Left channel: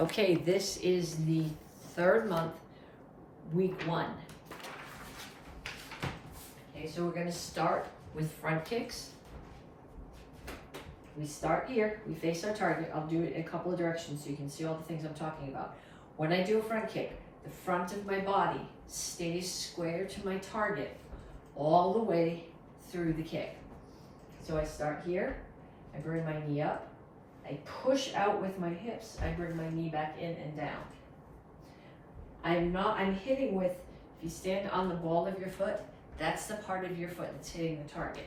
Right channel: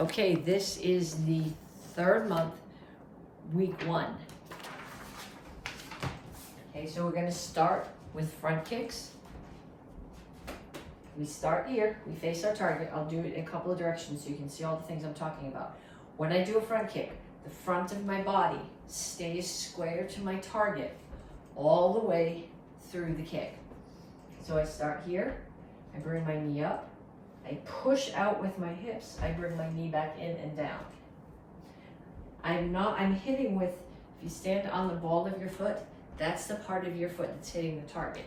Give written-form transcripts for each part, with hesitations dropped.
Okay, this is the third month, week 1. Okay, so we're gonna start with front kicks. We start here, we face our target. I'll do it in a couple of directions so you can see all the things I'm talking about. When I do a front kick, the front of my body stays square to my target all the way through the kick. So I start here, I bring my knee up, I push out with my hips, I bring my knee back in and down. I'm hitting with, if you stand on the ball of your foot, that's the part of your foot that's hitting the target.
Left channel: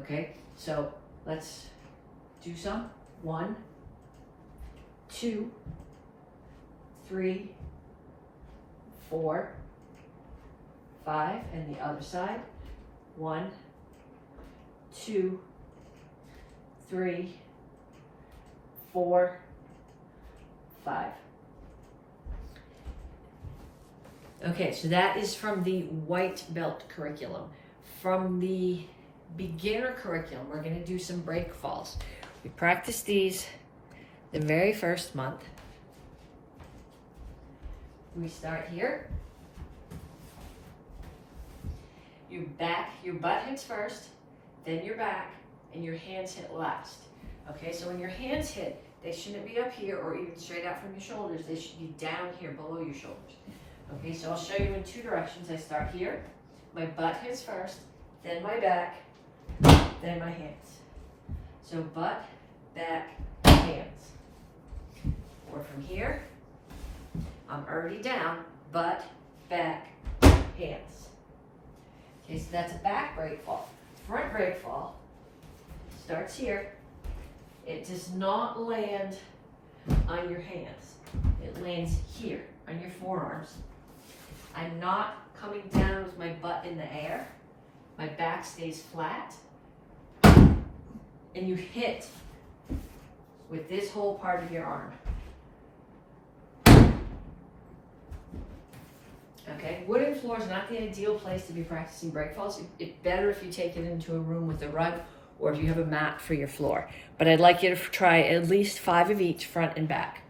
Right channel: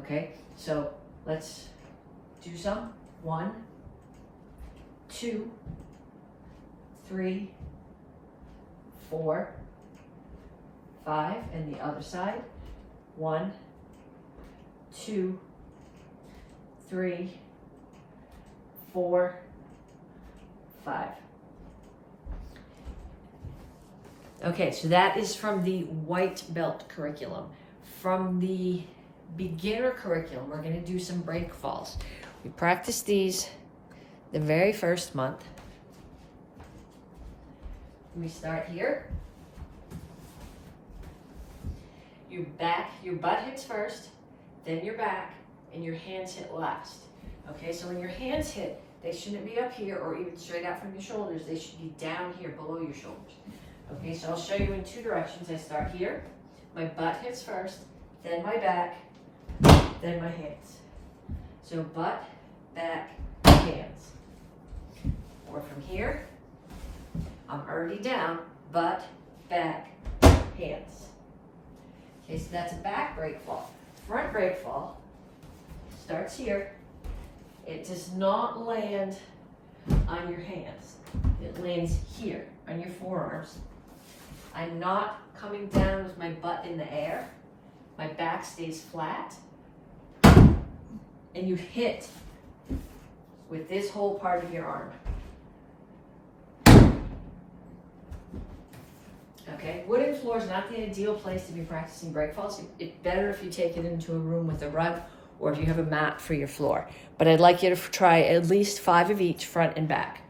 Okay, so let's do some. 1, 2, 3, 4, 5, and the other side. 1, 2, 3, 4, 5. Okay, so that is from the white belt curriculum. From the beginner curriculum, we're going to do some break falls. We practice these the very first month. We start here. Your butt hits first, then your back, and your hands hit last. Okay, so when your hands hit, they shouldn't be up here or even straight out from your shoulders. They should be down here below your shoulders. Okay, so I'll show you in 2 directions. I start here, my butt hits first, then my back, then my hands. So butt, back, hands. Or from here, I'm already down, butt, back, hands. Okay, so that's a back break fall. Front break fall starts here. It does not land on your hands. It lands here on your forearms. I'm not coming down with my butt in the air. My back stays flat. And you hit with this whole part of your arm. Okay, wooden floor is not the ideal place to be practicing break falls. It's better if you take it into a room with a rug or if you have a mat for your floor. But I'd like you to try at least 5 of each, front and back.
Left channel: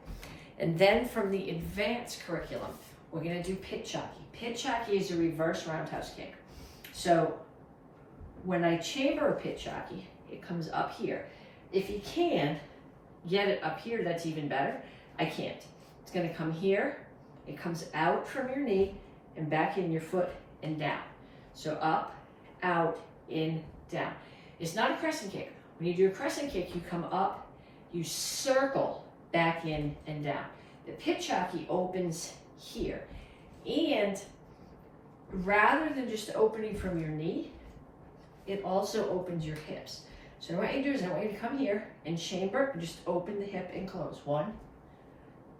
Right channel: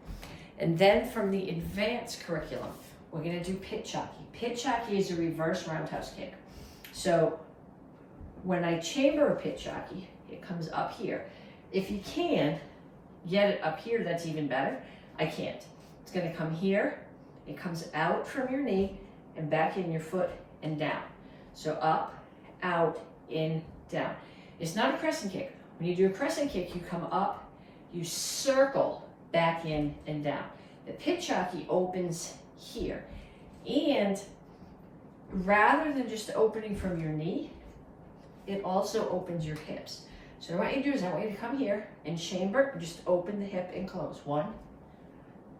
And then from the advanced curriculum, we're gonna do Petsching. Petsching is a reverse roundhouse kick. So when I chamber a Petsching, it comes up here. If you can get it up here, that's even better. I can't. It's gonna come here, it comes out from your knee and back in your foot and down. So up, out, in, down. It's not a crescent kick. When you do a crescent kick, you come up, you circle back in and down. The Petsching opens here. And rather than just opening from your knee, it also opens your hips. So what I want you to do is I want you to come here and chamber, and just open the hip and close. 1,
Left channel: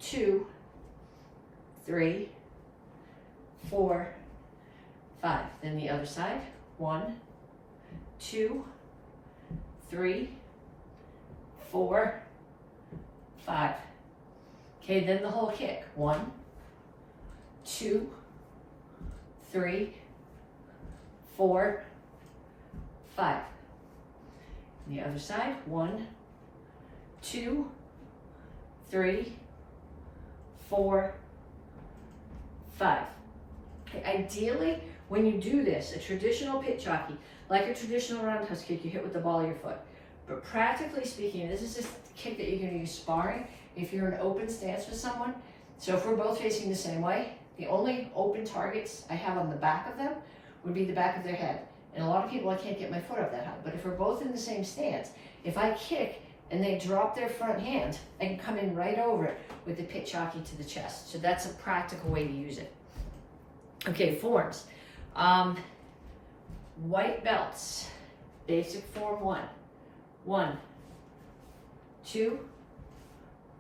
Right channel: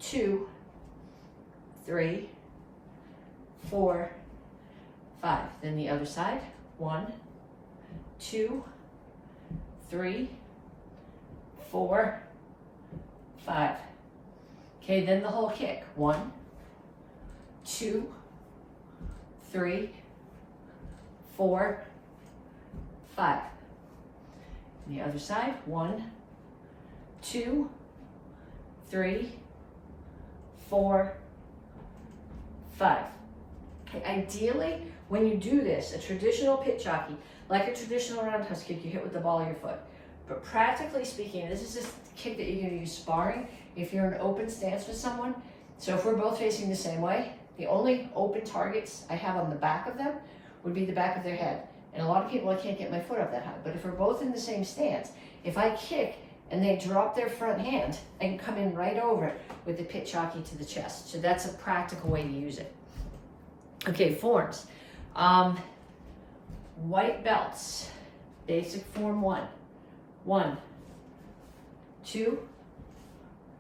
2, 3, 4, 5. Then the other side. 1, 2, 3, 4, 5. Okay, then the whole kick. 1, 2, 3, 4, 5. And the other side. 1, 2, 3, 4, 5. Okay, ideally, when you do this, a traditional Petsching, like a traditional roundhouse kick, you hit with the ball of your foot. But practically speaking, this is just a kick that you're going to use sparring if you're in an open stance with someone. So if we're both facing the same way, the only open targets I have on the back of them would be the back of their head. And a lot of people, I can't get my foot up that high. But if we're both in the same stance, if I kick and they drop their front hand, I can come in right over it with the Petsching to the chest. So that's a practical way to use it. Okay, forms. White belts. Basic form 1. 1, 2,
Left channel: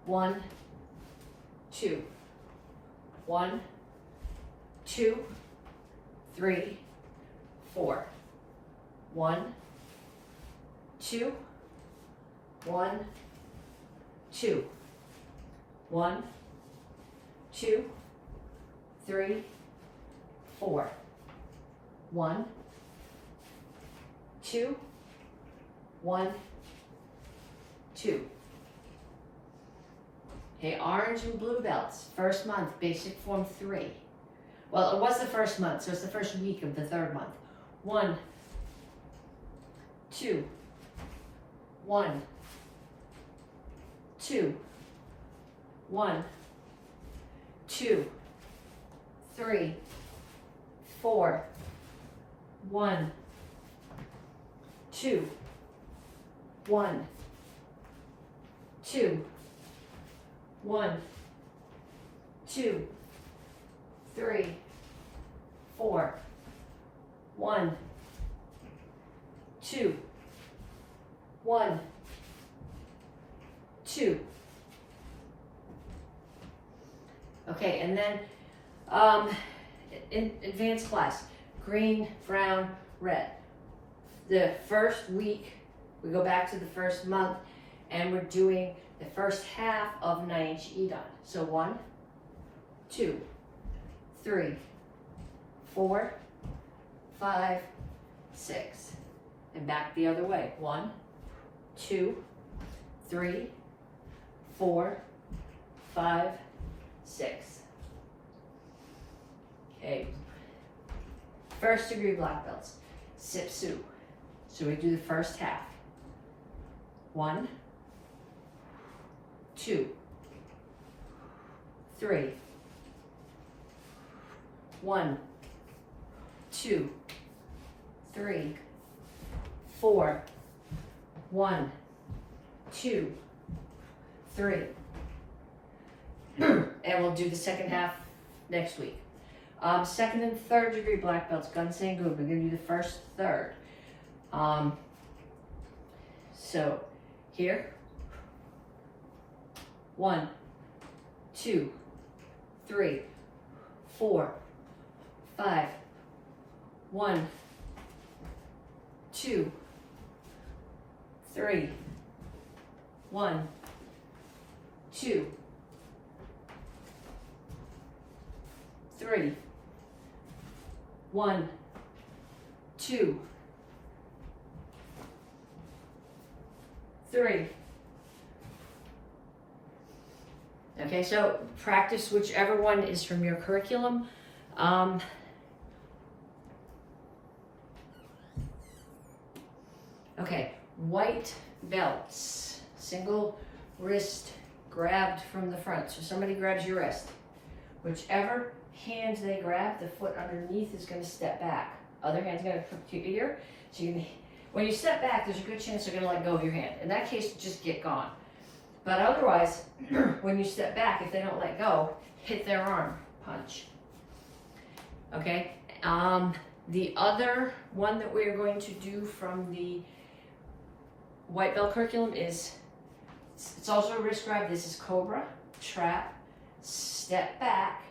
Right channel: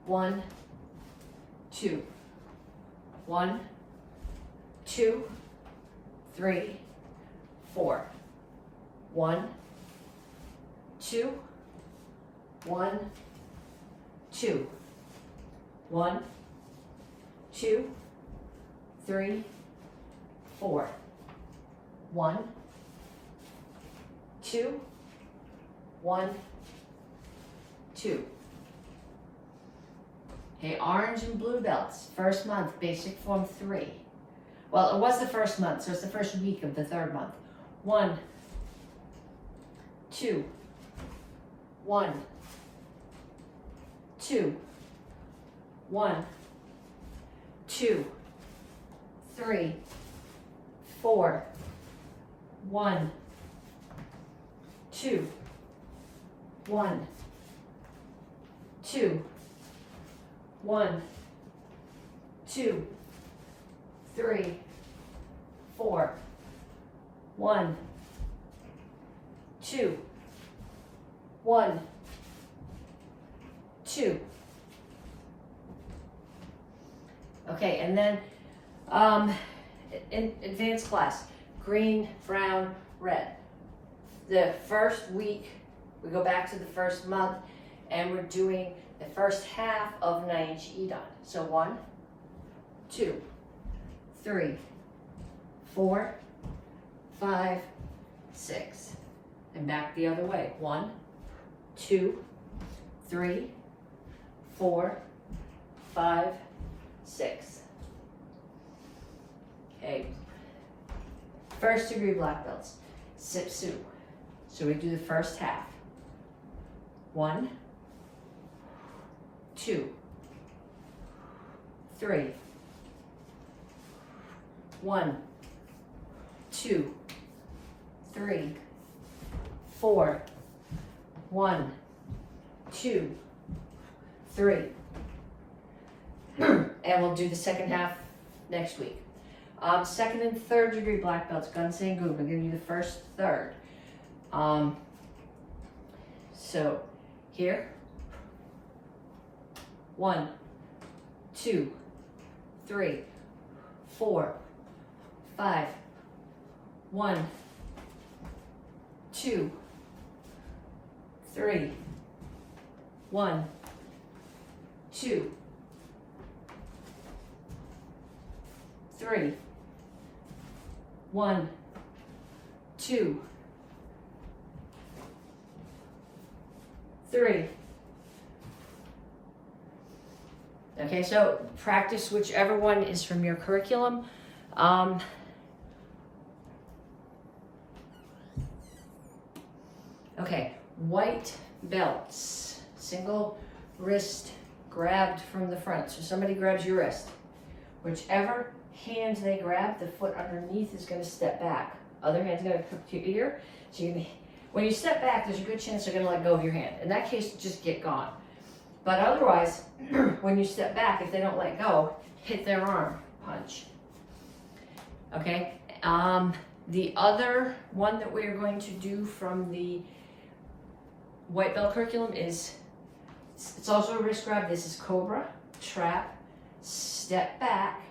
1, 2. 1, 2, 3, 4. 1, 2, 1, 2. 1, 2, 3, 4. 1, 2, 1, 2. Okay, orange and blue belts. First month, basic form 3. Well, it was the first month, so it's the first week of the 3rd month. 1, 2, 1, 2, 1, 2, 3, 4, 1, 2, 1, 2, 1, 2, 3, 4, 1, 2, 1, 2. Okay, and then in advanced class, green, brown, red. The first week, we go back to the first month, and we're doing the first half of 9-inch Edon. So 1, 2, 3, 4, 5, 6. And back the other way. 1, 2, 3, 4, 5, 6. Okay. First degree black belts. Sip Soo. So we do the first half. 1, 2, 3, 1, 2, 3, 4, 1, 2, 3. And we'll do the second half next week. Second and third degree black belts, Gun Sang Gun. We're going to do the first third. So here, 1, 2, 3, 4, 5, 1, 2, 3, 1, 2, 3, 1, 2, 3. Okay, so practice whichever one is from your curriculum. Okay, white belts, single wrist grabbed from the front. So somebody grabs your wrist. Whichever hand they grab, the foot underneath is going to step back. Other hand's going to hook to your ear. So you can, when you step back, there's a good chance they're going to let go of your hand. In that case, just get gone. But otherwise, when you step back, if they don't let go, hit their arm, punch. Okay? The other one that we're going to do from the white belt curriculum is, it's also a wrist grab. This is cobra, trap, step back,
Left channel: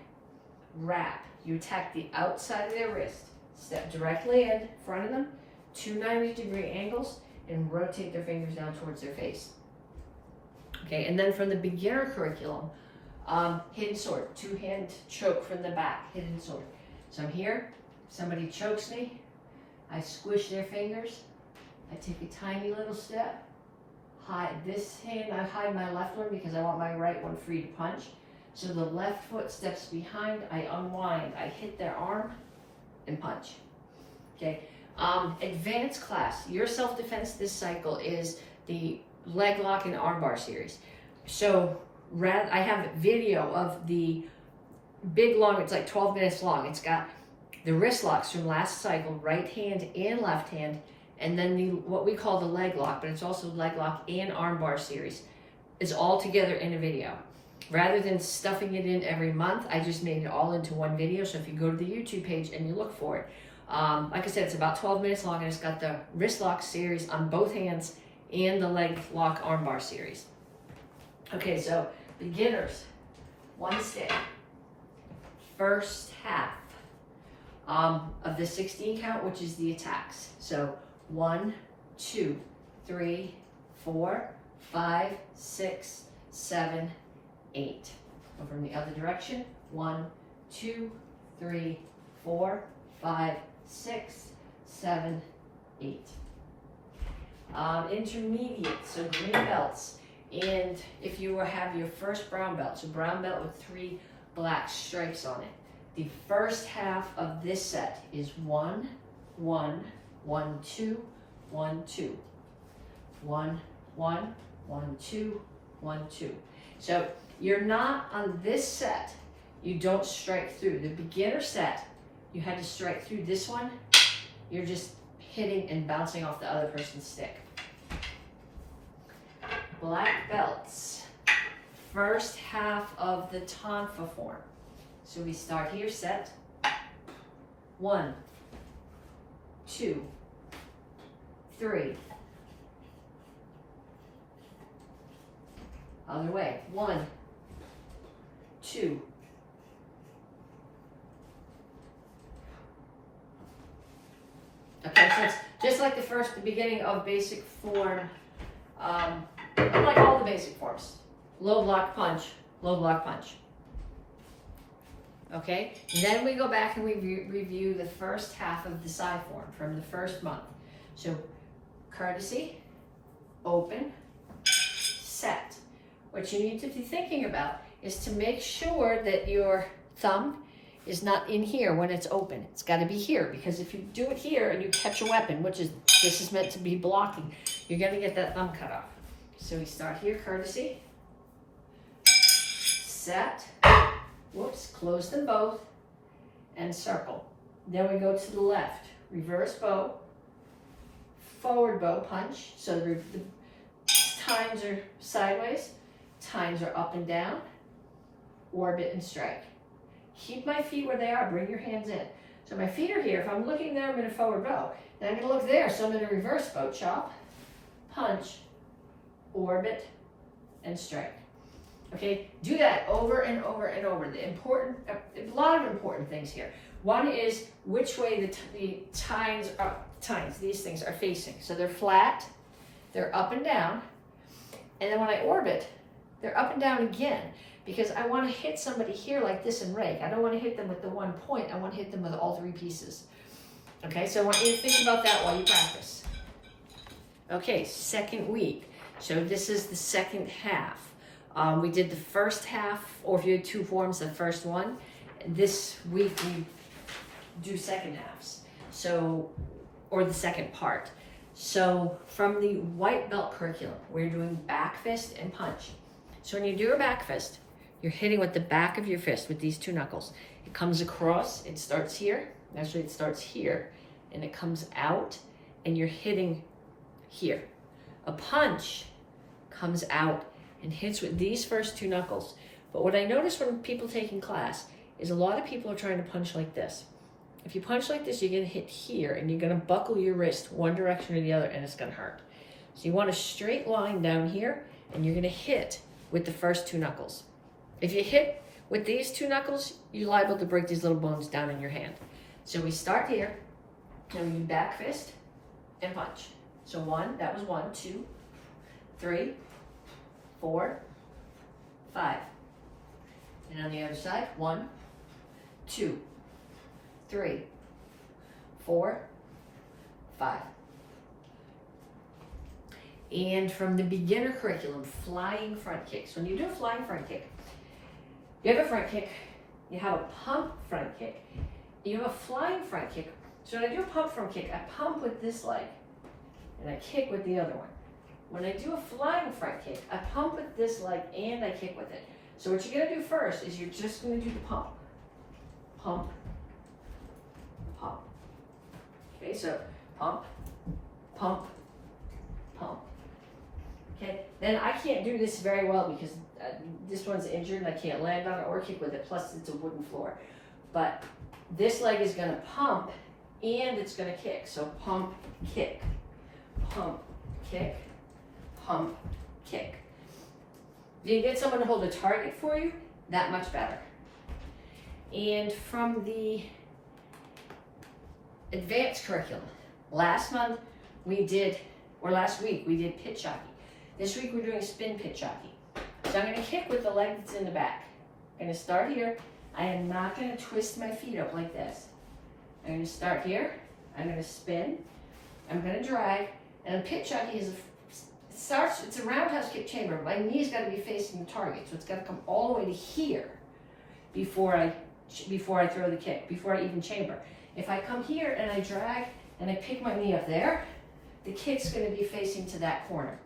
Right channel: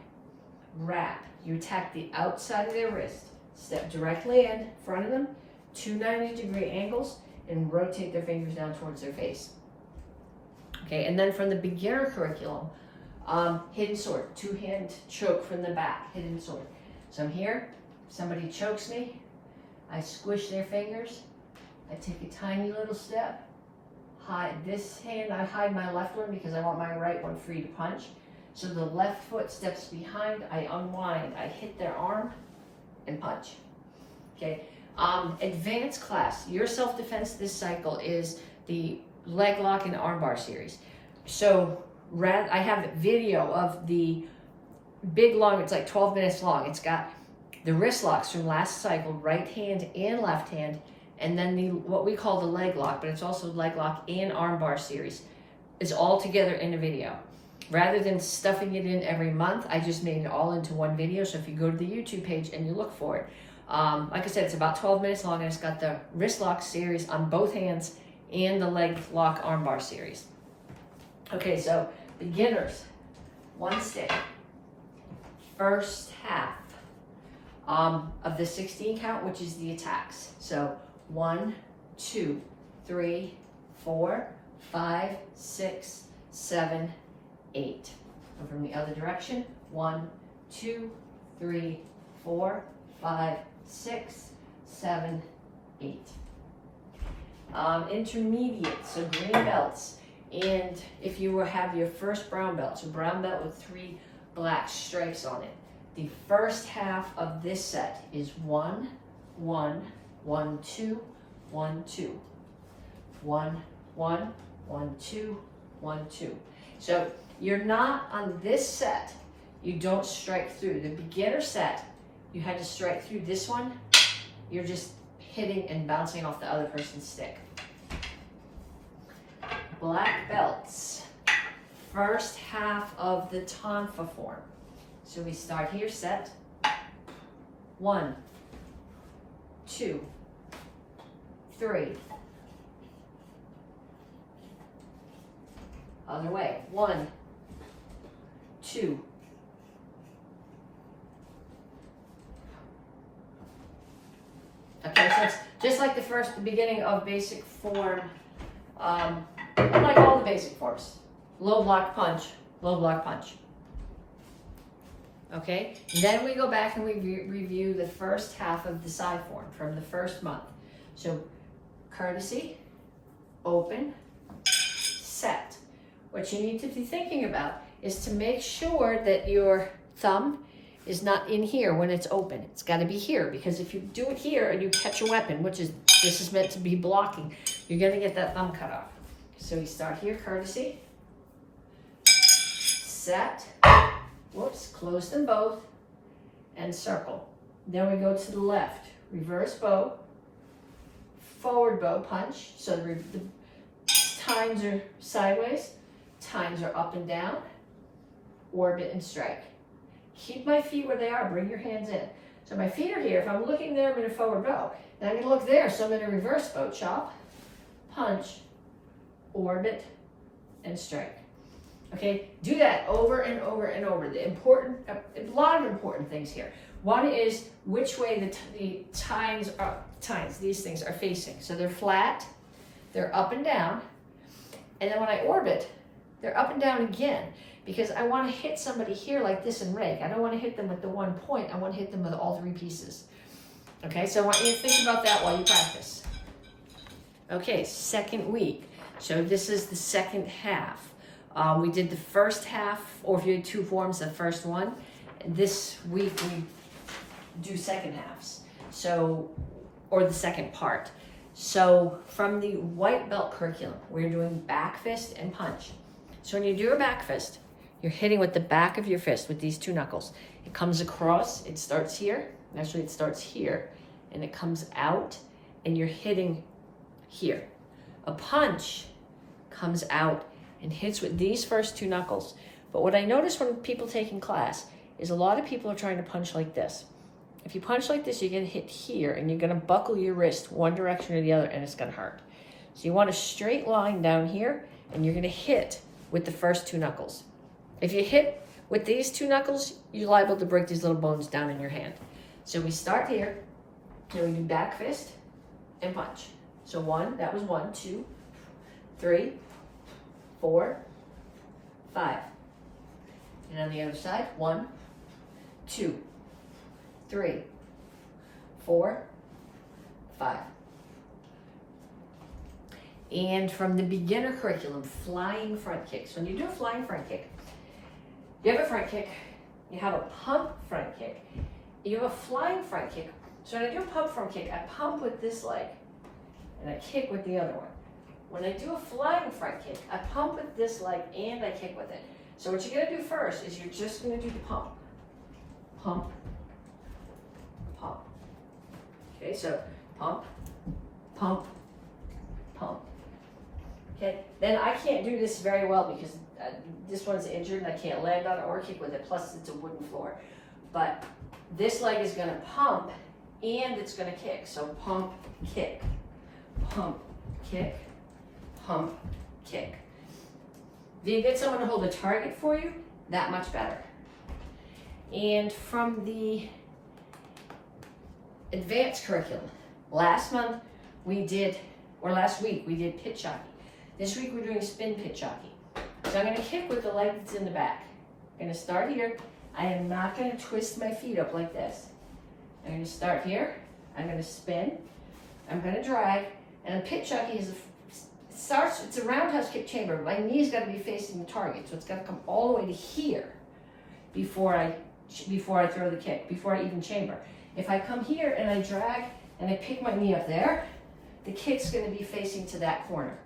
wrap. You attack the outside of their wrist, step directly in front of them, 2 90-degree angles, and rotate their fingers down towards their face. Okay, and then from the beginner curriculum, hidden sword, 2-hand choke from the back, hidden sword. So I'm here, somebody chokes me, I squish their fingers, I take a tiny little step, hide this hand, I hide my left one because I want my right one free to punch. So the left foot steps behind, I unwind, I hit their arm and punch. Okay, advanced class, your self-defense this cycle is the leg lock and armbar series. So I have a video of the big long, it's like 12 minutes long. It's got the wrist locks from last cycle, right hand and left hand, and then the what we call the leg lock, but it's also leg lock and armbar series, is all together in a video. Rather than stuffing it in every month, I just made it all into one video. So if you go to the YouTube page and you look for it, like I said, it's about 12 minutes long, and it's got the wrist lock series on both hands and the leg lock armbar series. Okay, so beginners, 1 stick, first half of the 16 count, which is the attacks. So 1, 2, 3, 4, 5, 6, 7, 8. Go from the other direction. 1, 2, 3, 4, 5, 6, 7, 8. Intermediate, so green belts And if you have your first brown belt, so brown belt with 3 black stripes on it, the first half of this set is 1, 1, 1, 2, 1, 2, 1, 1, 1, 2, 1, 2. So you're not on this set, you don't strike through. The beginner set, you had to strike through. This one, you're just hitting and bouncing off the other person's stick. Black belts, first half of the tonfa form. So we start here, set 1, 2, 3. Other way, 1, 2. Okay, so it's just like the beginning of basic form, and like all the basic forms. Low block punch, low block punch. Okay, then we go back and we review the first half of the side form from the first month. So courtesy, open, set. What you need to be thinking about is to make sure that your thumb is not in here when it's open. It's got to be here, because if you do it here and you catch a weapon, which is, this is meant to be blocking, you're going to get that thumb cut off. So we start here, courtesy, set, whoops, close them both, and circle. Then we go to the left, reverse bow, forward bow, punch. So the times are sideways, times are up and down, orbit and strike. Keep my feet where they are, bring your hands in. So my feet are here. If I'm looking there, I'm in a forward bow. And I'm gonna look there, so I'm in a reverse bow, chop, punch, orbit, and strike. Okay, do that over and over and over. A lot of important things here. One is which way the tines, these things are facing. So they're flat, they're up and down, and then when I orbit, they're up and down again, because I want to hit somebody here like this and rake. I don't want to hit them with the 1 point, I want to hit them with all 3 pieces. Okay, so I want you to think about that while you practice. Okay, second week. So this is the second half. We did the first half, or if you had 2 forms, the first one. This week we do second halves, so, or the second part. So from the white belt curriculum, we're doing back fist and punch. So when you do a back fist, you're hitting with the back of your fist with these 2 knuckles. It comes across, it starts here, actually it starts here, and it comes out, and you're hitting here. A punch comes out and hits with these first 2 knuckles. But what I notice when people taking class is a lot of people are trying to punch like this. If you punch like this, you're gonna hit here, and you're gonna buckle your wrist one direction or the other, and it's gonna hurt. So you want a straight line down here, and you're gonna hit with the first 2 knuckles. If you hit with these 2 knuckles, you're liable to break these little bones down in your hand. So we start here, and we do back fist and punch. So 1, that was 1, 2, 3, 4, 5. And on the other side, 1, 2, 3, 4, 5. And from the beginner curriculum, flying front kicks. When you do a flying front kick, you have a front kick, you have a pump front kick, you have a flying front kick. So when I do a pump front kick, I pump with this leg, and I kick with the other one. When I do a flying front kick, I pump with this leg and I kick with it. So what you're gonna do first is you're just gonna do the pump. Pump, pump. Okay, so pump, pump, pump. Okay, then I can't do this very well because this one's injured and I can't land on it or kick with it, plus it's a wooden floor. But this leg is gonna pump and it's gonna kick. So pump, kick, pump, kick, pump, kick. If you get someone to hold a target for you, that much better. And from the advanced curriculum, last week we did pit jockey. This week we're doing spin pit jockey. So I'm gonna kick with the leg that's in the back. I'm gonna start here. I am not gonna twist my feet up like this. I'm gonna start here. I'm gonna spin. I'm gonna drag. And a pit jockey is it's a roundhouse kick chamber. My knee's got to be facing the target, so it's got to come all the way to here before I throw the kick, before I even chamber. If I come here and I drag and I pick my knee up there, the kick's going to be facing to that corner.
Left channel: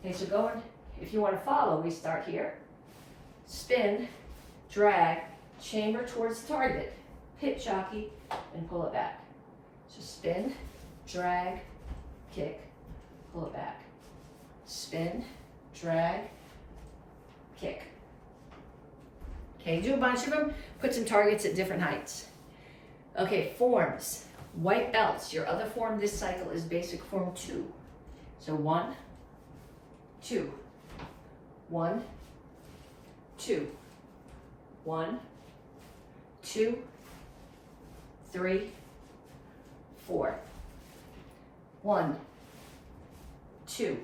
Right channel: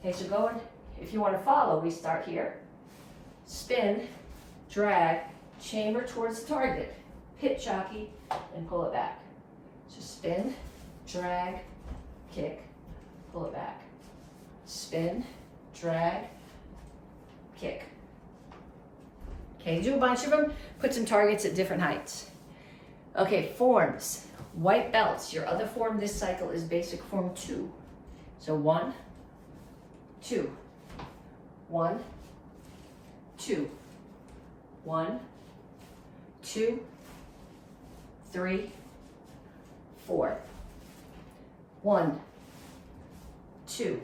Okay, so going, if you want to follow, we start here, spin, drag, chamber towards the target, pitch jockey, and pull it back. So spin, drag, kick, pull it back. Spin, drag, kick. Okay, do a bunch of them, put some targets at different heights. Okay, forms, white belts. Your other form this cycle is basic form 2. So 1, 2, 1, 2, 1, 2, 3, 4, 1, 2,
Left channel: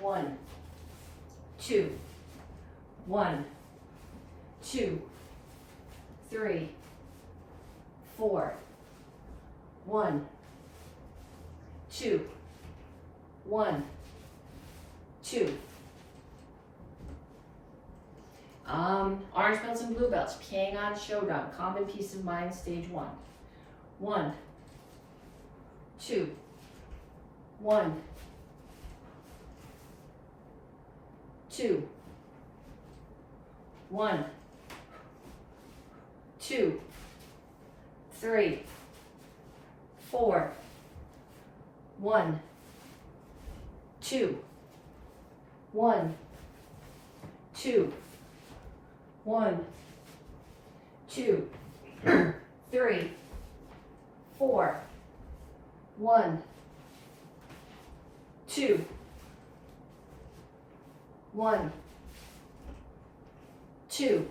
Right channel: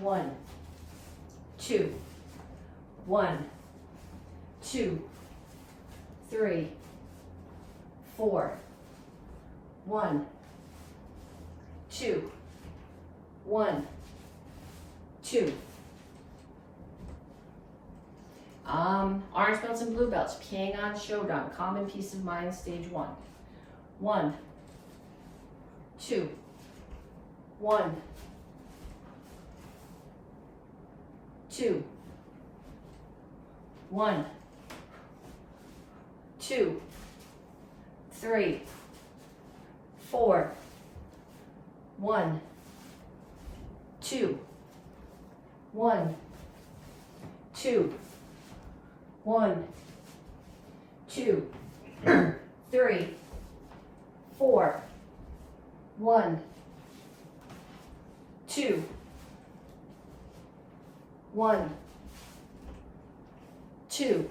1, 2, 1, 2, 3, 4, 1, 2, 1, 2. Orange belts and blue belts, Pyongan Shodan, Common Peace of Mind, stage 1. 1, 2, 1, 2, 1, 2, 3, 4, 1, 2, 1, 2, 1, 2, 3, 4, 1, 2, 1, 2.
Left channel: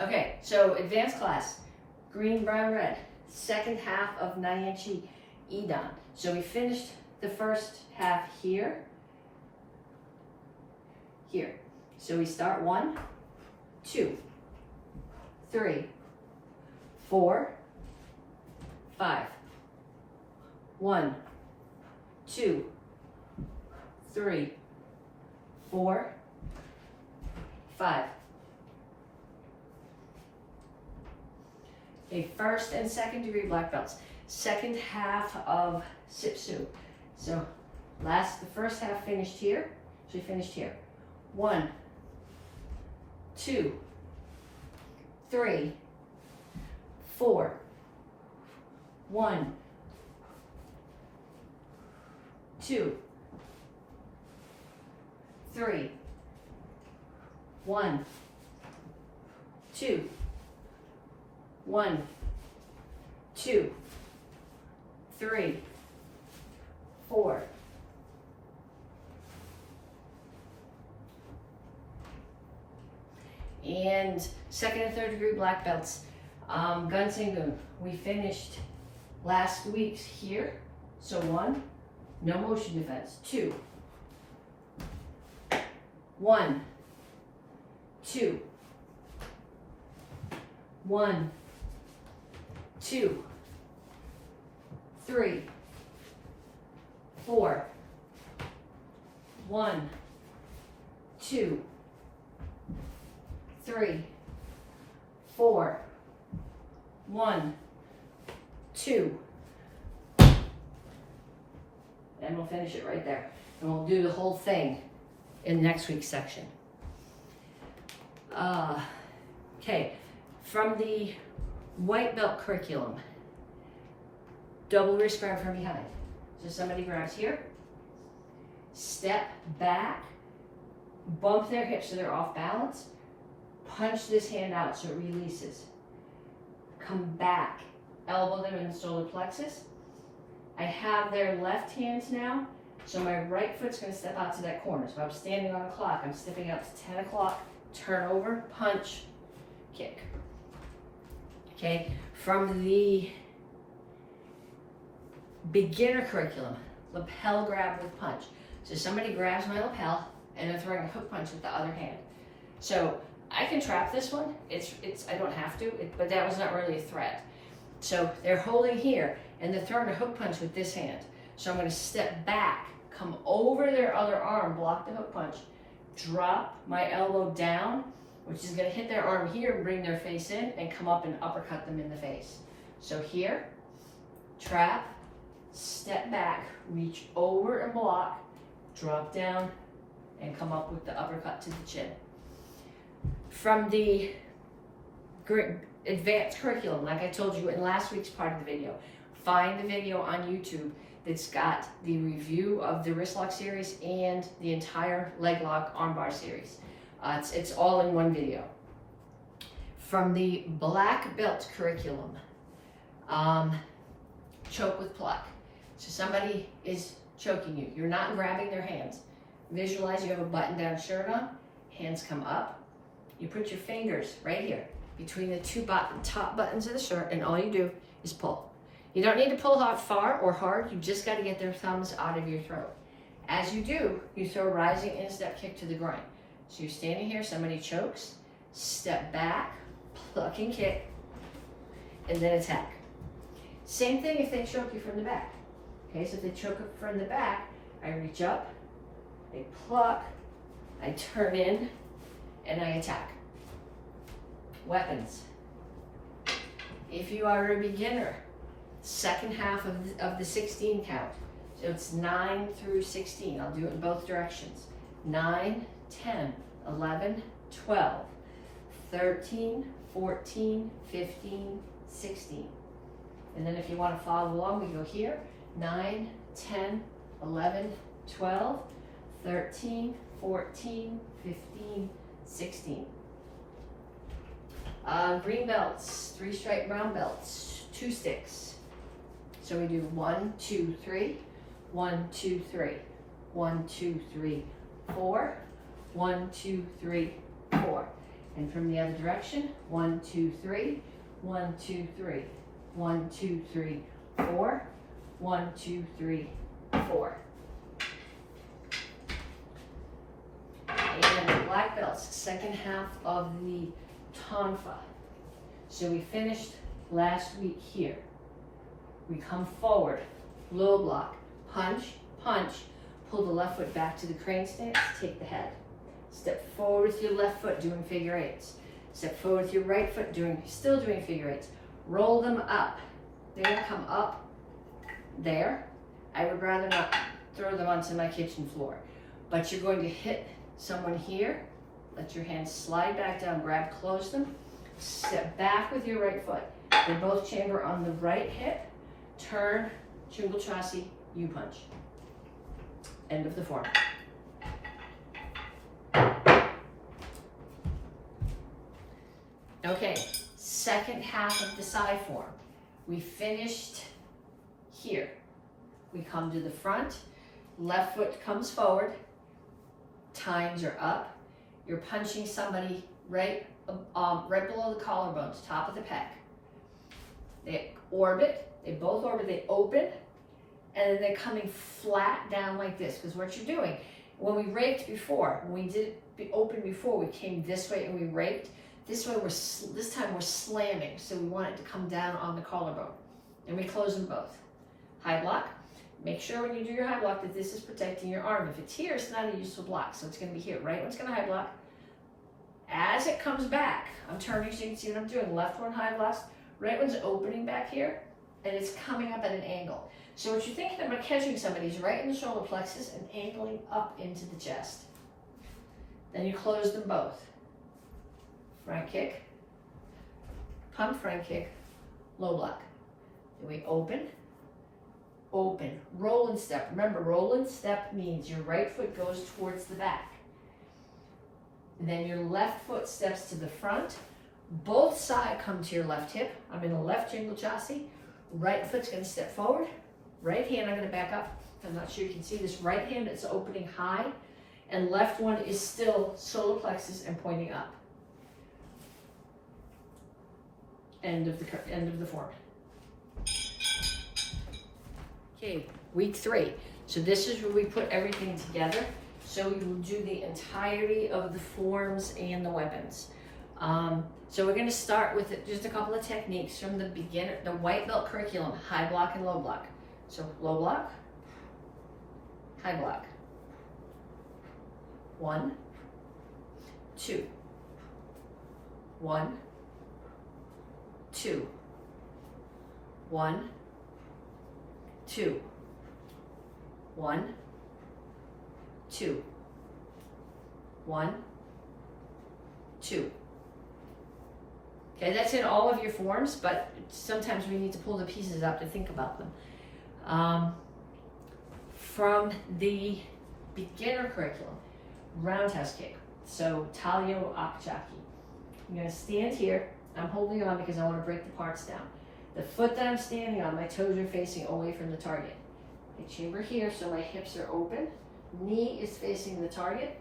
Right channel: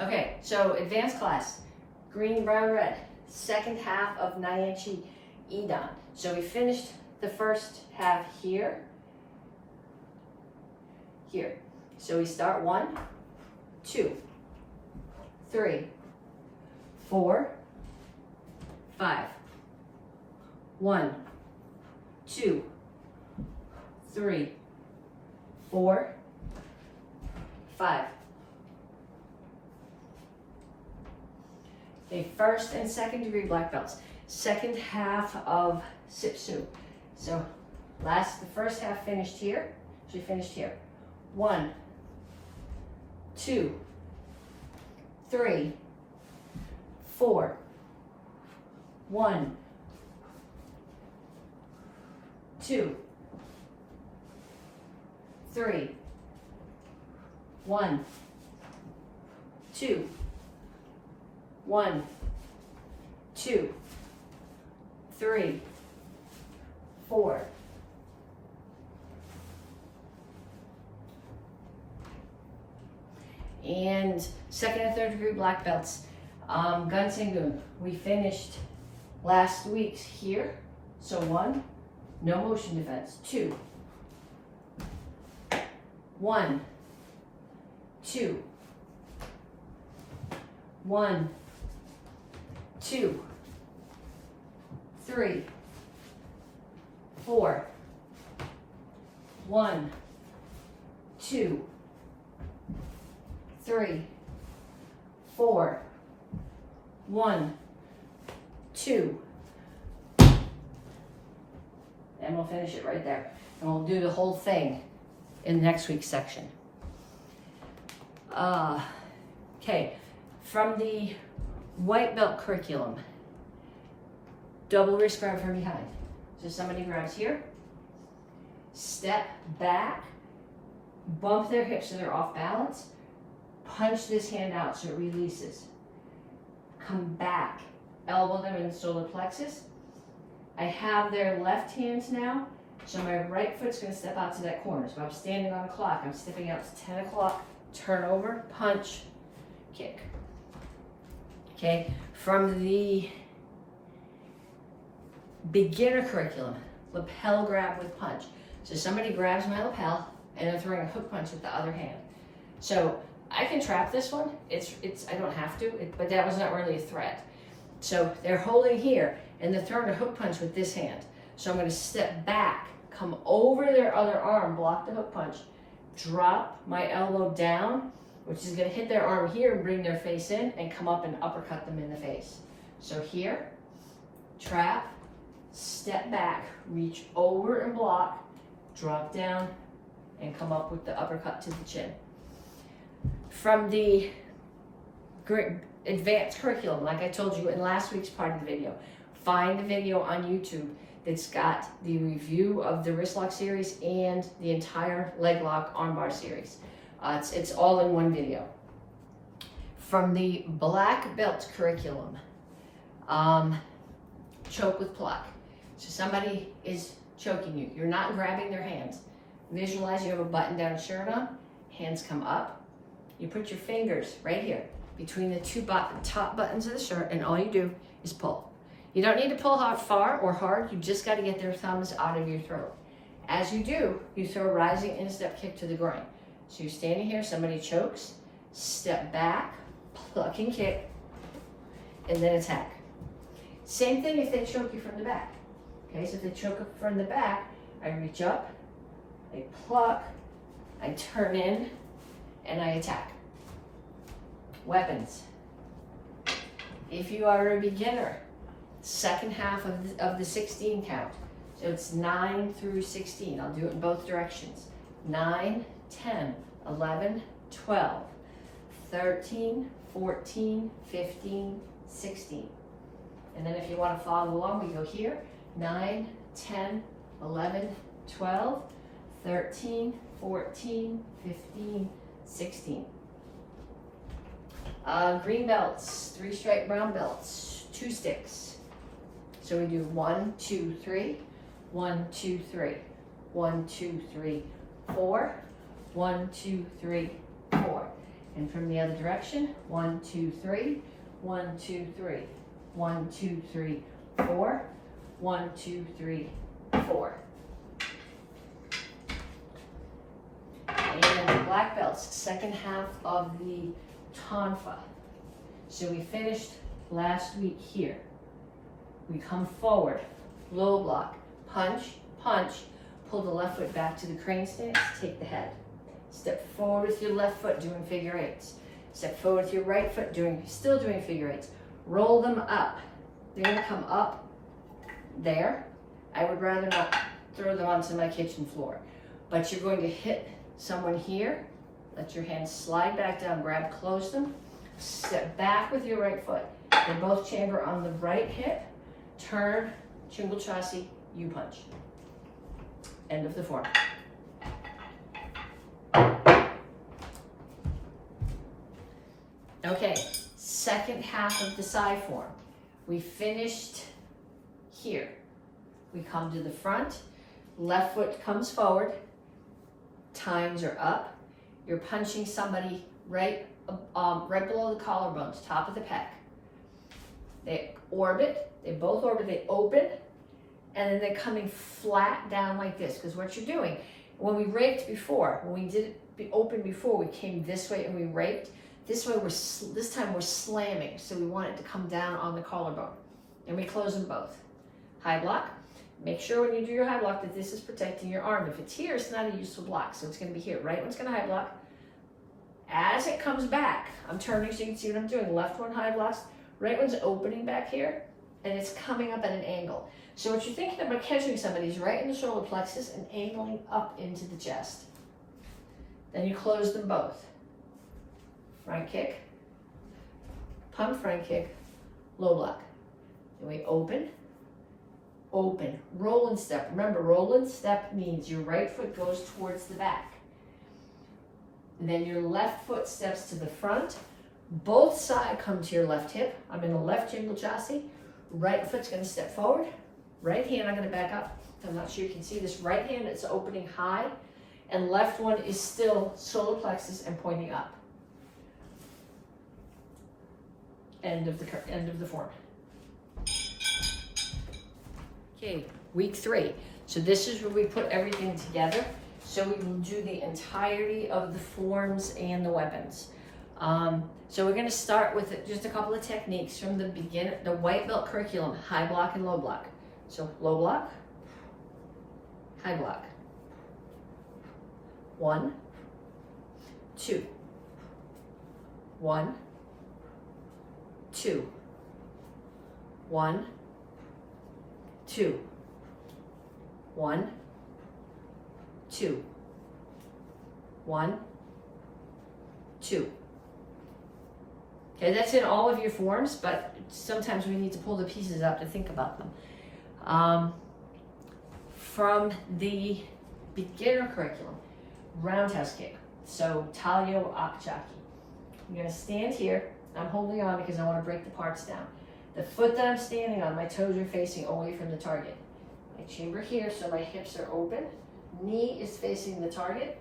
Okay, so advanced class, green, brown, red, second half of Nyanchi Idan. So we finished the first half here. So we start 1, 2, 3, 4, 5. 1, 2, 3, 4, 5. Okay, first and second degree black belts. Second half of Sipsu. So the first half finished here. So we finished here. 1, 2, 3, 4, 1, 2, 3, 1, 2, 1, 2, 3, 4. And second and third degree black belts. Gun Singun, we finished last week's here. So 1, no motion defense. 2, 1, 2, 1, 2, 3, 4, 1, 2, 3, 4, 1, 2. And we'll finish it right there. And we'll do the whole thing in next week's section. Okay, from the white belt curriculum, double wrist grab from behind. So somebody grabs here, step back, bump their hips so they're off balance, punch this hand out so it releases. Come back, elbow them in solar plexus. I have their left hands now, so my right foot's gonna step out to that corner. So I'm standing on a clock, I'm stepping out to 10 o'clock, turn over, punch, kick. Okay, from the beginner curriculum, lapel grab with punch. So somebody grabs my lapel and they're throwing a hook punch with the other hand. So I can trap this one. I don't have to, but that was not really a threat. So they're holding here and they're throwing a hook punch with this hand. So I'm gonna step back, come over their other arm, block the hook punch, drop my elbow down, which is gonna hit their arm here and bring their face in, and come up and uppercut them in the face. So here, trap, step back, reach over and block, drop down, and come up with the uppercut to the chin. From the advanced curriculum, like I told you in last week's part of the video, find the video on YouTube that's got the review of the wrist lock series and the entire leg lock armbar series. It's all in one video. From the black belt curriculum, choke with pluck. So somebody is choking you. You're not grabbing their hands. Visualize you have a button-down shirt on, hands come up. You put your fingers right here between the two top buttons of the shirt, and all you do is pull. You don't need to pull far or hard, you just gotta get their thumbs out of your throat. As you do, you throw a rising instep kick to the groin. So you're standing here, somebody chokes, step back, pluck and kick, and then attack. Same thing if they choke you from the back. Okay, so if they choke up from the back, I reach up, I pluck, I turn in, and I attack. Weapons. If you are a beginner, second half of the 16 count. So it's 9 through 16. I'll do it in both directions. 9, 10, 11, 12, 13, 14, 15, 16. And then if you want to follow along, we go here. 9, 10, 11, 12, 13, 14, 15, 16. Green belts, 3 stripe brown belts, 2 sticks. So we do 1, 2, 3, 1, 2, 3, 1, 2, 3, 4, 1, 2, 3, 4. And from the other direction, 1, 2, 3, 1, 2, 3, 1, 2, 3, 4, 1, 2, 3, 4. And the black belts, second half of the tonfa. So we finished last week here. We come forward, low block, punch, punch, pull the left foot back to the crane stance, take the head. Step forward with your left foot, doing figure eights. Step forward with your right foot, still doing figure eights. Roll them up. They're gonna come up there. I would rather not throw them onto my kitchen floor, but you're going to hit someone here. Let your hands slide back down, grab, close them. Step back with your right foot. They both chamber on the right hip. Turn, Chingle Chassi, U-punch. End of the form. Okay, second half of the side form. We finished here. We come to the front, left foot comes forward, tines are up. You're punching somebody right below the collarbones, top of the pec. They orbit, they both orbit, they open, and then they're coming flat down like this. Because what you're doing, when we raked before, when we did it open before, we came this way and we raked. This way, this time we're slamming, so we want it to come down on the collarbone. And we close them both. High block. Make sure when you do your high block that this is protecting your arm. If it's here, it's not a useful block, so it's going to be here. Right one's going to high block. As it comes back, I'm turning so you can see what I'm doing. Left one high blocks. Right one's opening back here, and it's coming up at an angle. So what you're thinking about catching somebody is right in the shoulder plexus and angling up into the chest. Then you close them both. Front kick, pump front kick, low block. Then we open, open, roll and step. Remember, roll and step means your right foot goes towards the back. And then your left foot steps to the front. Both sides come to your left hip. I'm in the left Chingle Chassi. Right foot's gonna step forward. Right hand, I'm gonna back up. I'm not sure you can see this. Right hand is opening high, and left one is still solar plexus and pointing up. End of the form. Okay, week 3. So this is where we put everything together. So we will do the entirety of the forms and the weapons. So we're going to start with just a couple of techniques from the beginner, the white belt curriculum, high block and low block. So low block, high block. 1, 2, 1, 2, 1, 2, 1, 2, 1, 2. Okay, that's in all of your forms, but sometimes we need to pull the pieces up to think about them. From the beginner curriculum, roundhouse kick. So Talio Akchaki. I'm gonna stand here. I'm holding on because I wanna break the parts down. The foot that I'm standing on, my toes are facing away from the target. I chamber here so my hips are open. Knee is facing the target.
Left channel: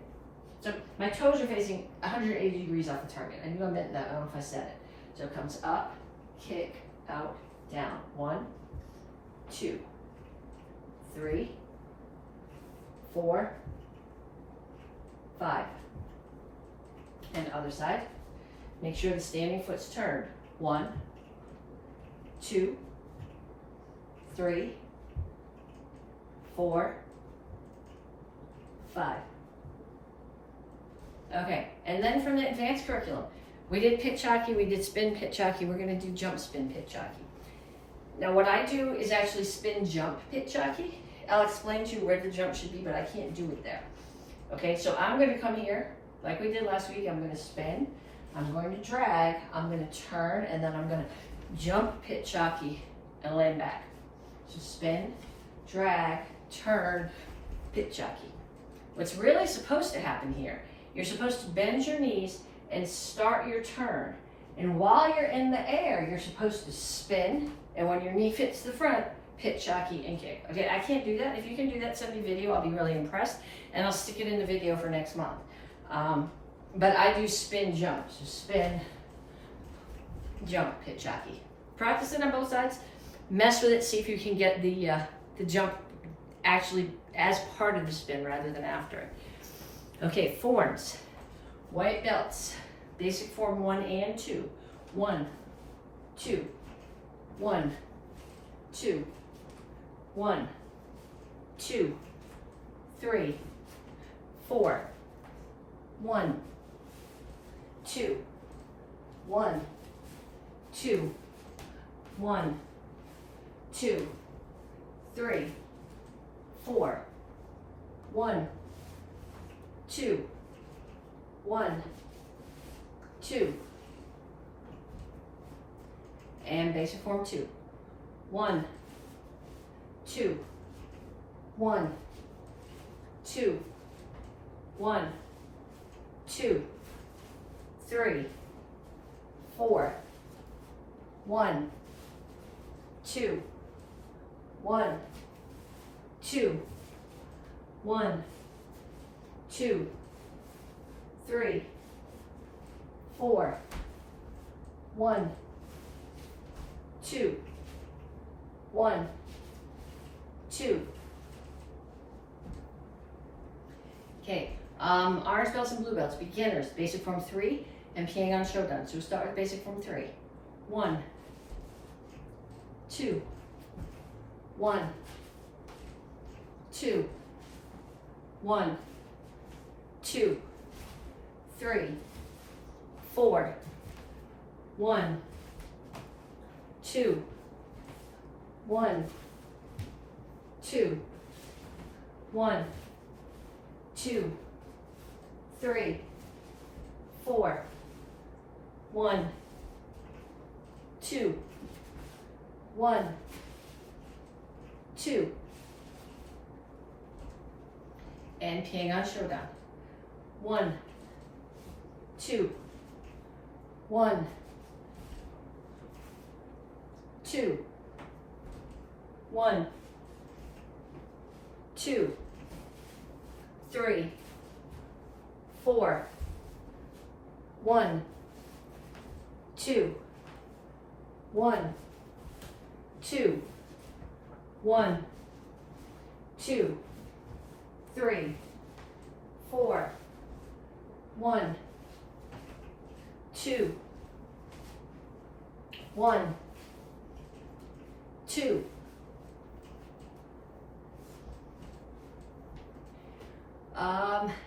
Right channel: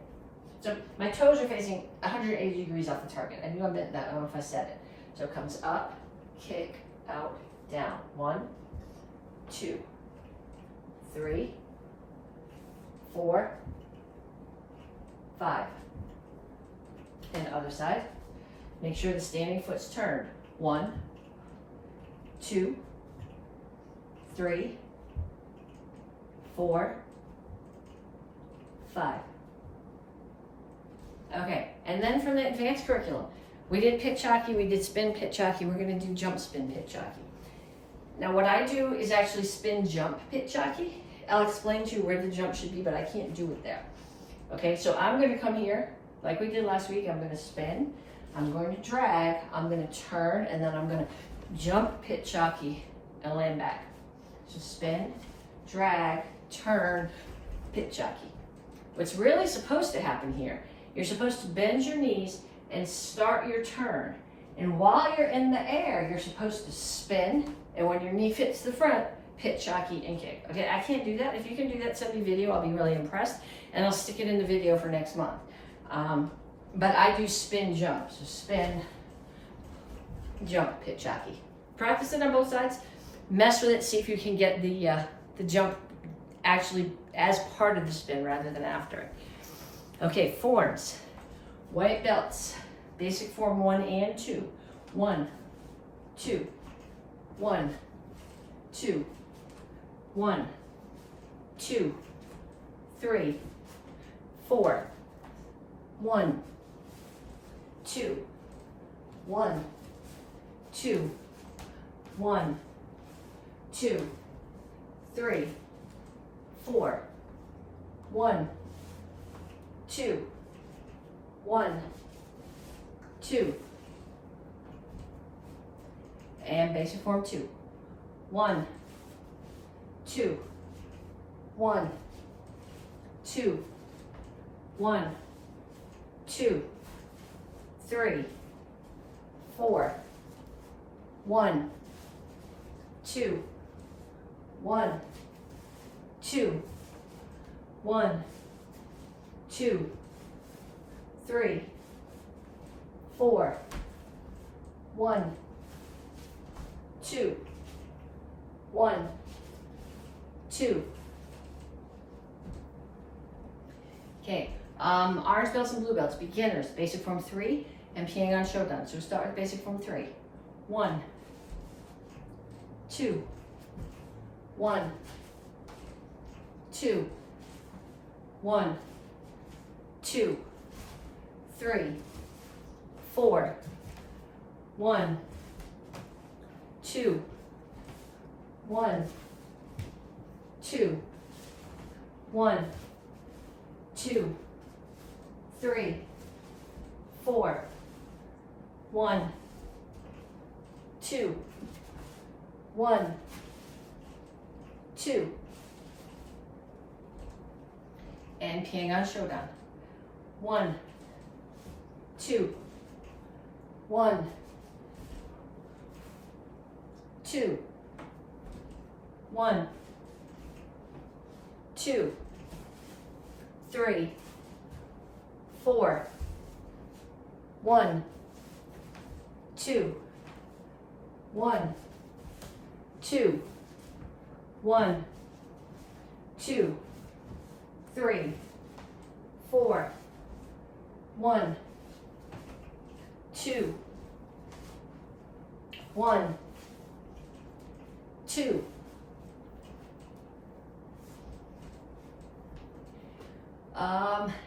So my toes are facing 180 degrees off the target. I knew I meant that, I don't know if I said it. So it comes up, kick, out, down. 1, 2, 3, 4, 5. And other side. Make sure the standing foot's turned. 1, 2, 3, 4, 5. Okay, and then from the advanced curriculum, we did Petsching, we did spin Petsching, we're gonna do jump spin Petsching. Now what I do is actually spin jump Petsching. I'll explain to you where the jump should be, but I can't do it there. Okay, so I'm gonna come here, like we did last week, I'm gonna spin, I'm going to drag, I'm gonna turn, and then I'm gonna jump Petsching and land back. So spin, drag, turn, Petsching. What's really supposed to happen here, you're supposed to bend your knees and start your turn. And while you're in the air, you're supposed to spin, and when your knee fits the front, Petsching and kick. Okay, I can't do that. If you can do that, send me video, I'll be really impressed, and I'll stick it in the video for next month. But I do spin jump, so spin, jump, Petsching. Practice it on both sides, mess with it, see if you can get the jump actually as part of the spin rather than after it. Okay, forms. White belts. Basic form 1 and 2. 1, 2, 1, 2, 1, 2, 3, 4, 1, 2, 1, 2, 1, 2, 3, 4, 1, 2, 1, 2, and basic form 2. 1, 2, 1, 2, 1, 2, 3, 4, 1, 2, 1, 2, 1, 2, 3, 4, 1, 2, 1, 2. Okay, orange belts and blue belts, beginners, basic form 3 and Pyongyang Shodan. So we start with basic form 3. 1, 2, 1, 2, 1, 2, 3, 4, 1, 2, 1, 2, 1, 2, 3, 4, 1, 2, 1, 2, and Pyongyang Shodan. 1, 2, 1, 2, 1, 2, 3, 4, 1, 2, 1, 2, 1, 2, 3, 4, 1, 2, 1, 2.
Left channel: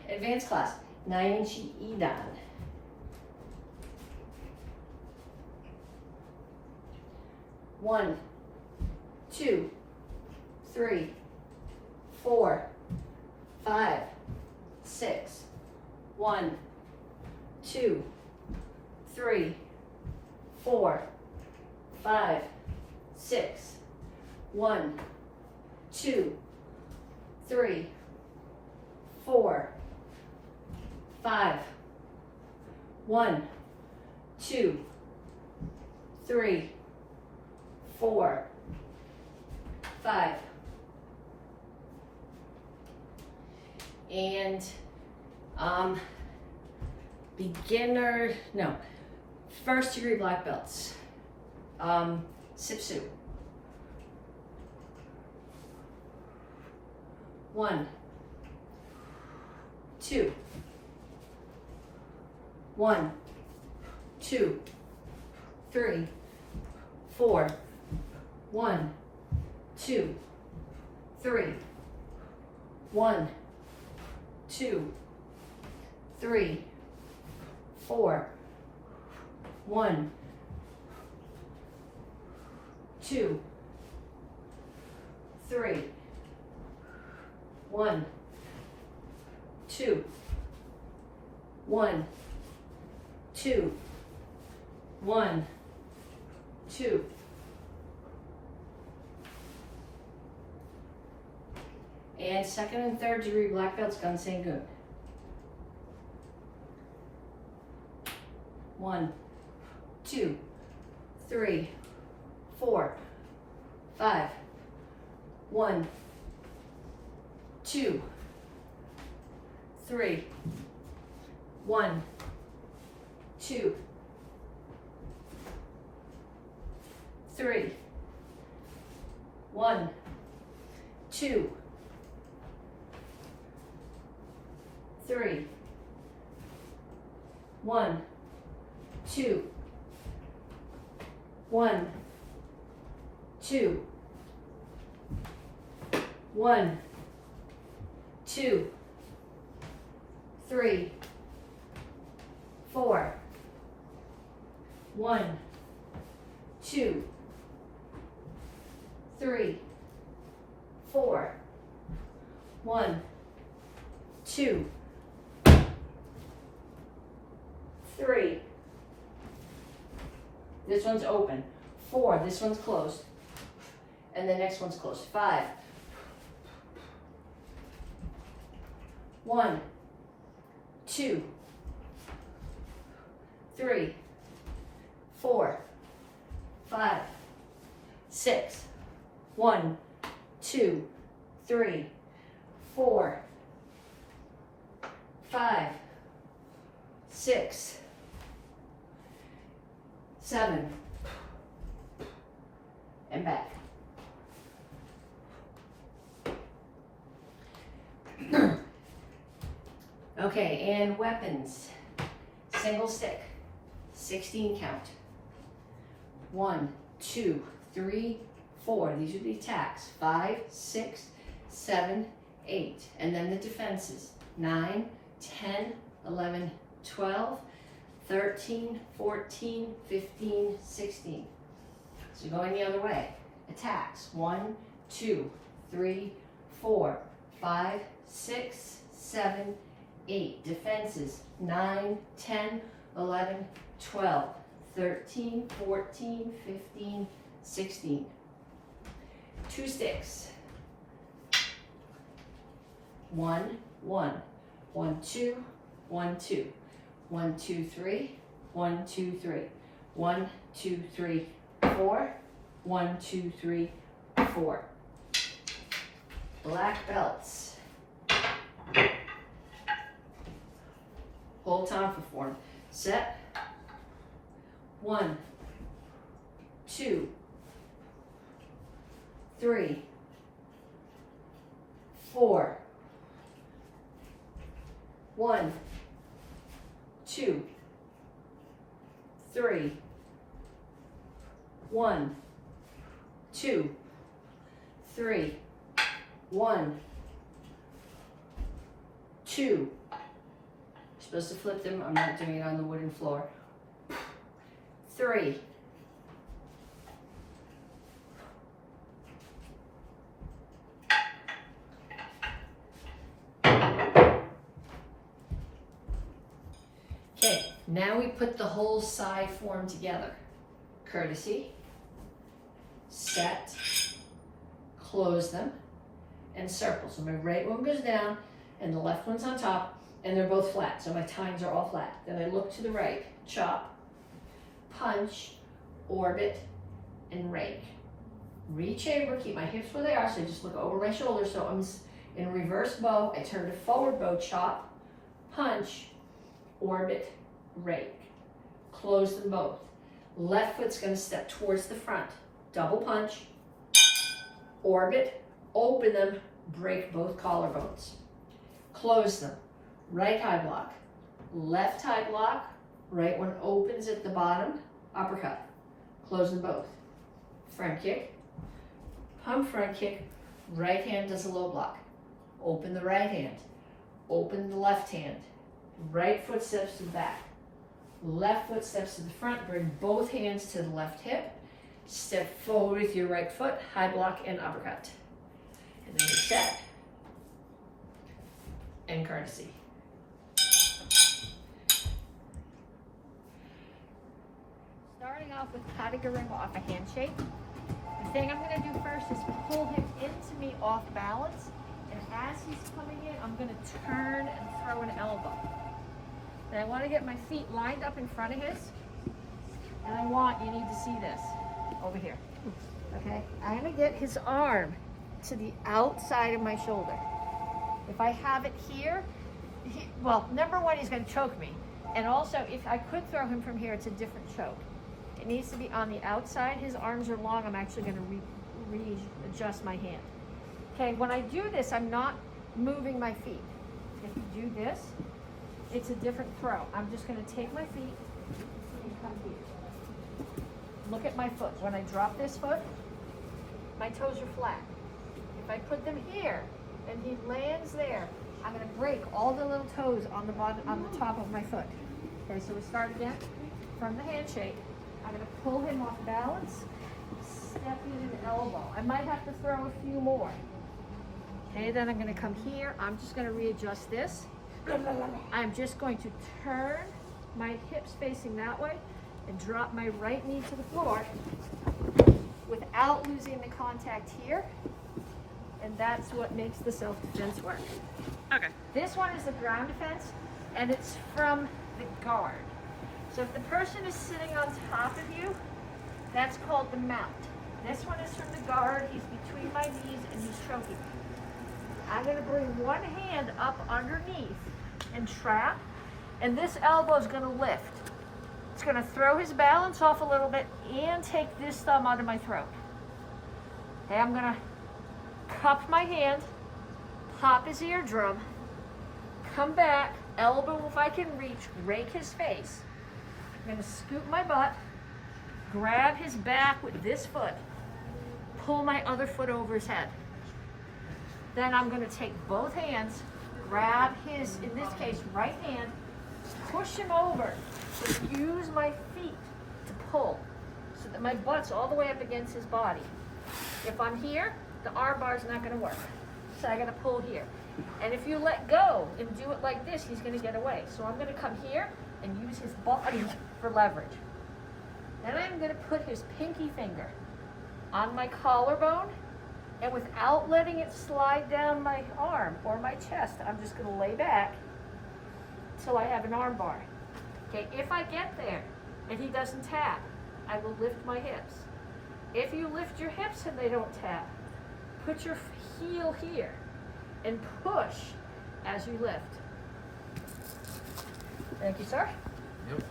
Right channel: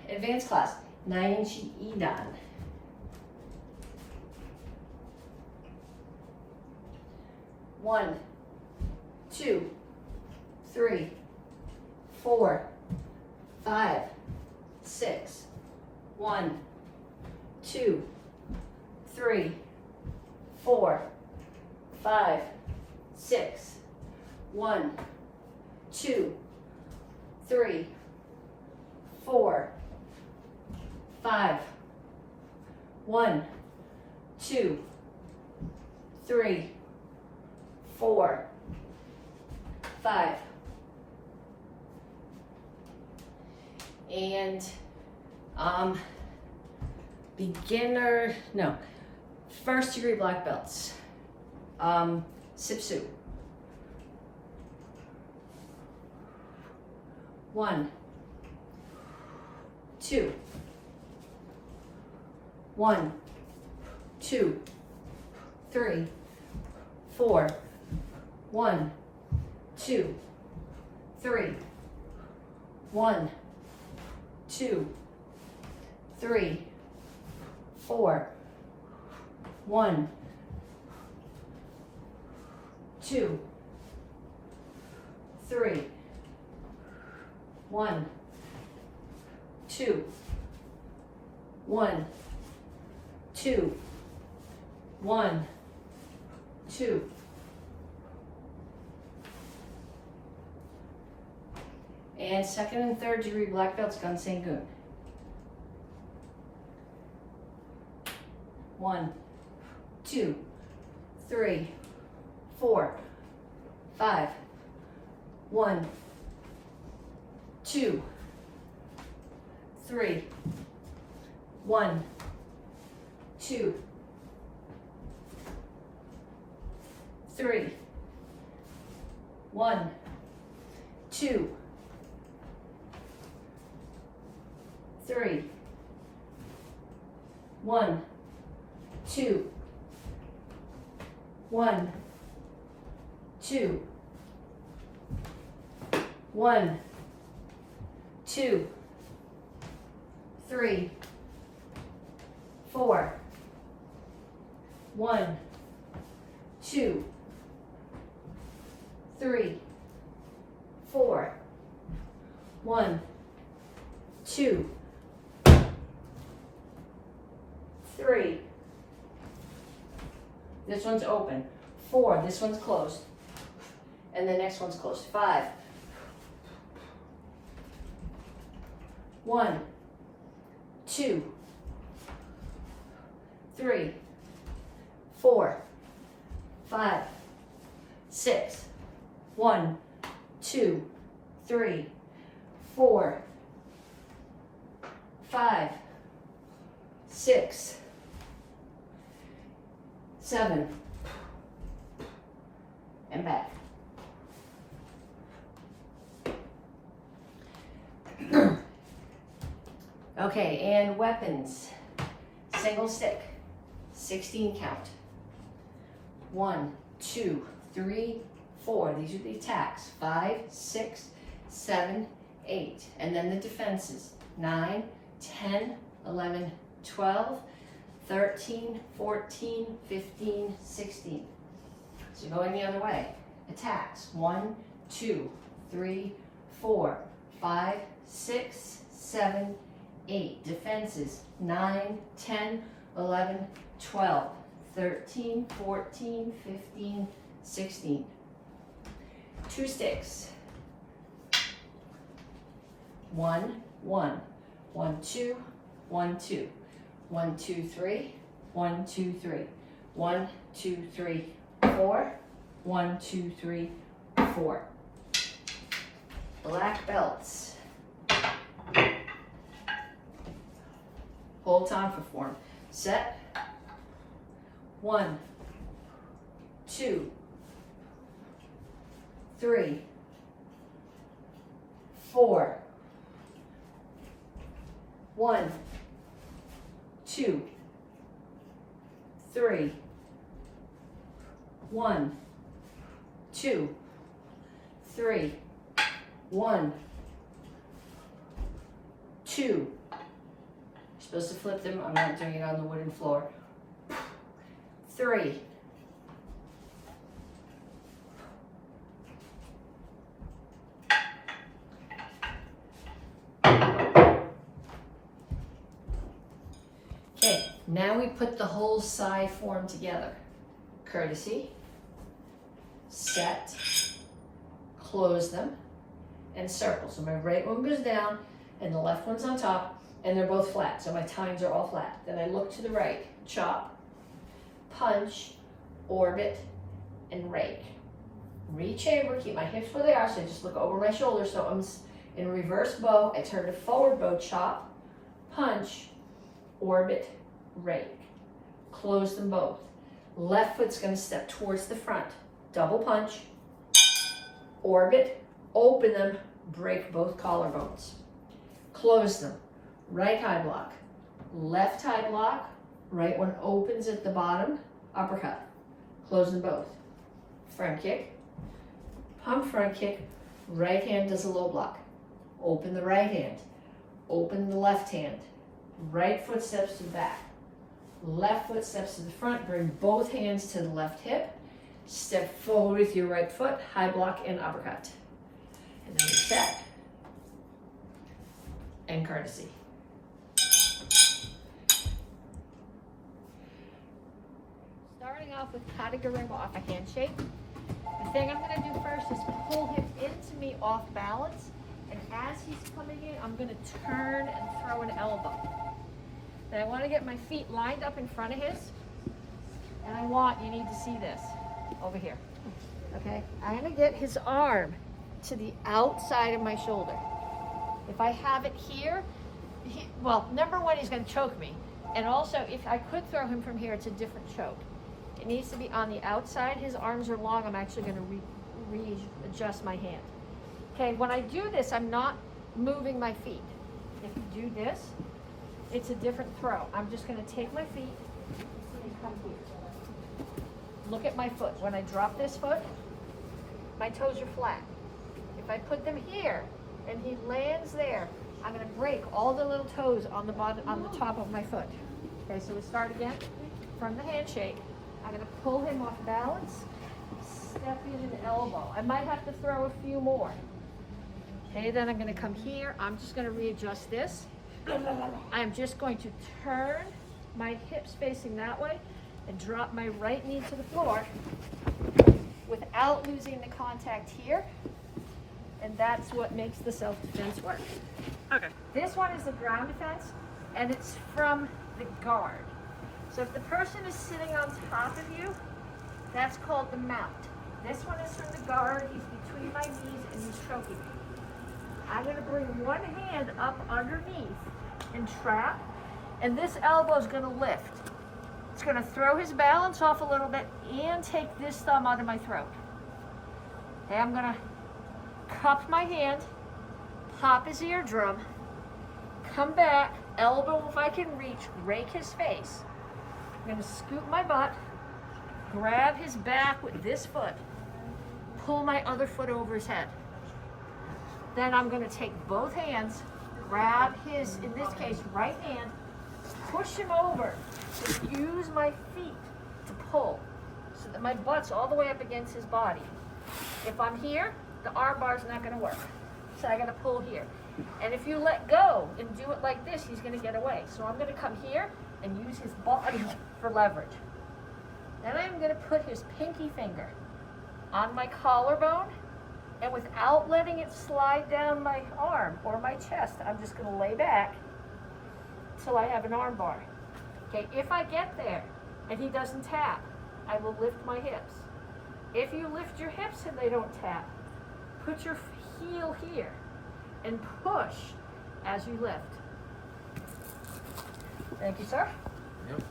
Advanced class, 9-inch Edan. 1, 2, 3, 4, 5, 6. 1, 2, 3, 4, 5, 6. 1, 2, 3, 4, 5. 1, 2, 3, 4, 5. And beginner, no, first degree black belts. Sipsu. 1, 2, 1, 2, 3, 4, 1, 2, 3, 1, 2, 3, 4, 1, 2, 3, 1, 2, 1, 2, 1, 2. And second and third degree black belts, Gun. 1, 2, 3, 4, 5. 1, 2, 3, 1, 2, 3, 1, 2, 3, 1, 2, 1, 2, 1, 2, 3, 4, 1, 2, 3, 4, 1, 2, 3. This one's open. 4, this one's closed. And the next one's closed. 5. 1, 2, 3, 4, 5, 6. 1, 2, 3, 4, 5, 6, 7, and back. Okay, and weapons. Single stick, 16 count. 1, 2, 3, 4. These are the attacks. 5, 6, 7, 8. And then the defenses. 9, 10, 11, 12, 13, 14, 15, 16. So going the other way. Attacks. 1, 2, 3, 4, 5, 6, 7, 8. Defenses. 9, 10, 11, 12, 13, 14, 15, 16. 2 sticks. 1, 1. 1, 2, 1, 2. 1, 2, 3. 1, 2, 3. 1, 2, 3, 4. 1, 2, 3, 4. Black belts. Hold time for form. Set. 1, 2, 3, 4. 1, 2, 3, 1, 2, 3, 1, 2. You're supposed to flip them. I'm not doing it on the wooden floor. 3. Okay, now we put the whole psi form together. Courtesy, set, close them, and circle. So my right one goes down and the left one's on top, and they're both flat, so my tines are all flat. Then I look to the right, chop, punch, orbit, and rake. Re-chamber, keep my hips where they are, so I just look over my shoulder. So I'm in reverse bow, I turn to forward bow, chop, punch, orbit, rake. Close them both. Left foot's gonna step towards the front. Double punch, orbit, open them, break both collarbones. Close them. Right high block, left high block, right one opens at the bottom, uppercut. Close them both. Front kick, pump front kick, right hand does a low block. Open the right hand, open the left hand. Right foot steps to the back. Left foot steps to the front, bring both hands to the left hip. Step forward with your right foot, high block and uppercut. And then set and courtesy. Starting off with Katagurima off a handshake. The thing I'm going to do first is pull him into me off balance. And as he's coming in, I'm going to turn and throw an elbow. Then I want to get my feet lined up in front of his. And you need to see this over here. Okay? I'm going to get his arm to the outside of my shoulder. If I have it here, well, number one, he's going to choke me. And also, if I could throw him from here, it's a different choke. It needs to be on the outside. His arms are long. I'm actually going to readjust my hand. Okay, when I do this, I'm not moving my feet. If you do this, it's a different throw. I'm just going to take my feet and come here. Look at my foot. When I drop this foot, my toes are flat. If I put them here and he lands there, I'm going to break all the little toes on the bottom, on the top of my foot. Okay, so we start again from the handshake. I'm going to pull him off balance, step in an elbow. I might have to throw a few more. Okay, then I'm going to come here. I'm just going to readjust this. I'm just going to turn my hips facing that way and drop my right knee to the floor without losing the contact here. And that's what makes the self-defense work. Okay. This one is the ground defense, and it's from the guard. So if the person is sitting on top of you, that's called the mount. This one is from the guard. He's between my knees and he's choking me. I'm going to bring one hand up underneath and trap, and this elbow is going to lift. It's going to throw his balance off a little bit and take this thumb out of my throat. Okay, I'm going to cup my hand, pop his eardrum, come back, elbow if I can reach, rake his face. I'm going to scoop my butt, grab his back with this foot, pull my other foot over his head. Then I'm going to take both hands, grab his, in this case, right hand, push him over, and use my feet to pull so that my butt's all the way up against his body. If I'm here, the arm bar's not going to work. So I got to pull here. And if you let go and do it like this, he's going to get away. So I'm going to come here and use his body for leverage. Then I'm going to put his pinky finger on my collarbone, and without letting it slide down my arm or my chest, I'm just going to lay back till I have an arm bar. Okay, if I get there and he doesn't tap, I will lift my hips. If you lift your hips and they don't tap, put your heel here and push as you lift. Thank you, sir. Yep.